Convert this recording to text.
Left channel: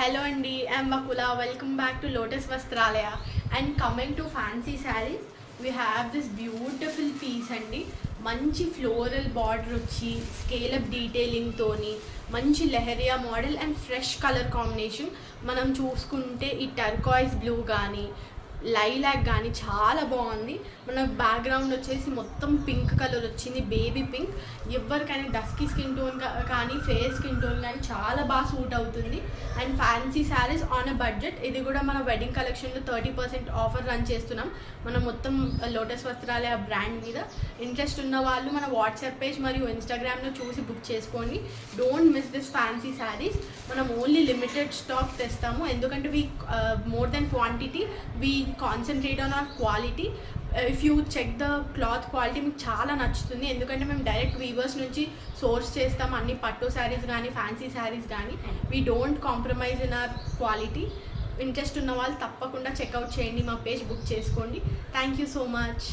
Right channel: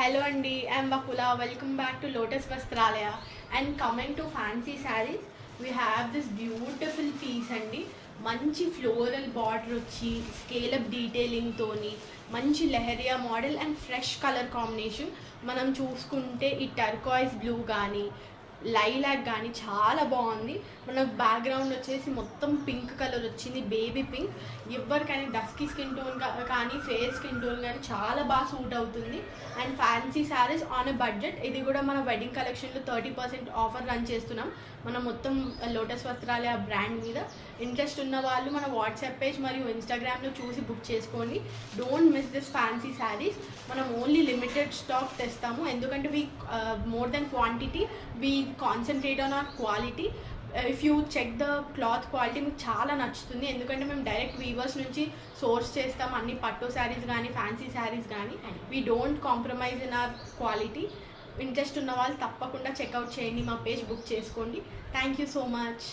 Hello Andy, I'm Vakula. Welcome back to Lotus Vastralaya. And coming to fancy sarees, we have this beautiful piece అండి. మంచి floral border వచ్చి scale up detailing తోని మంచి leheriya model and fresh colour combination. మనం చూసుకుంటే ఈ turquoise blue కానీ lilac కానీ చాలా బాగుంది. మన బ్యాక్గ్రౌండ్ వచ్చేసి మొత్తం పింక్ కలర్ వచ్చింది, బేబీ పింక్. ఎవరికైనా డస్కీ స్కిన్ టోన్ కానీ ఫేర్ స్కిన్ టోన్ కానీ చాలా బాగా సూట్ అవుతుంది. And fancy saris on a budget. ఇది కూడా మన వెడ్డింగ్ కలెక్షన్లో 30% ఆఫర్ రన్ చేస్తున్నాం. మనం మొత్తం లోటస్ వస్త్రాలయ బ్రాండ్ మీద. ఇంట్రెస్ట్ ఉన్న వాళ్ళు మన వాట్సాప్ పేజ్ మరియు ఇన్స్టాగ్రామ్లో చూసి బుక్ చేసుకోండి. Don't miss this fancy saris. మనం ఓన్లీ లిమిటెడ్ స్టాక్ తెస్తాము, ఎందుకంటే we more than quantity we concentrate on our quality. If you check the cloth quality మీకు చాలా నచ్చుతుంది, ఎందుకంటే మేము డైరెక్ట్ వీవర్స్ నుంచి సోర్స్ చేస్తాం అన్ని పట్టు శారీస్ కానీ ఫ్యాన్సీ శారీస్ కానీ. We don't compromise in our quality. Interest ఉన్న వాళ్ళు తప్పకుండా చెక్అవుట్ చేయండి, మా పేజ్ బుక్ చేసుకోండి. Thank you so much.